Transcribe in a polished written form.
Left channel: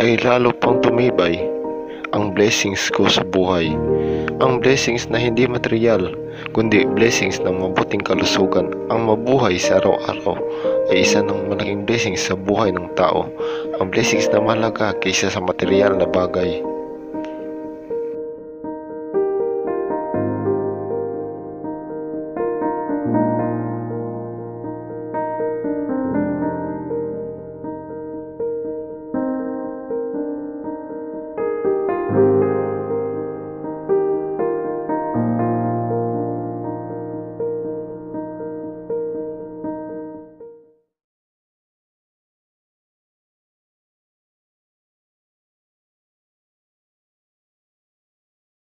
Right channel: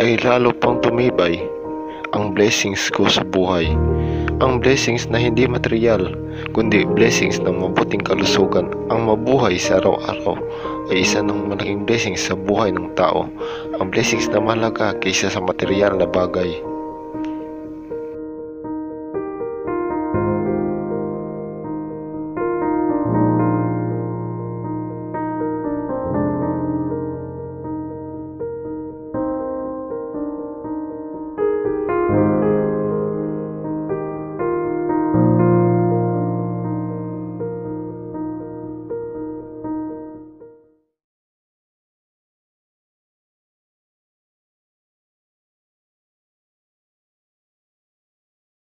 ay lalo pang tumibay ang blessings ko sa buhay. Ang blessings na hindi material, kundi blessings ng mabuting kalusugan. Ang mabuhay sa araw-araw ay isa ng malaking blessings sa buhay ng tao. Ang blessings na mahalaga kaysa sa material na bagay.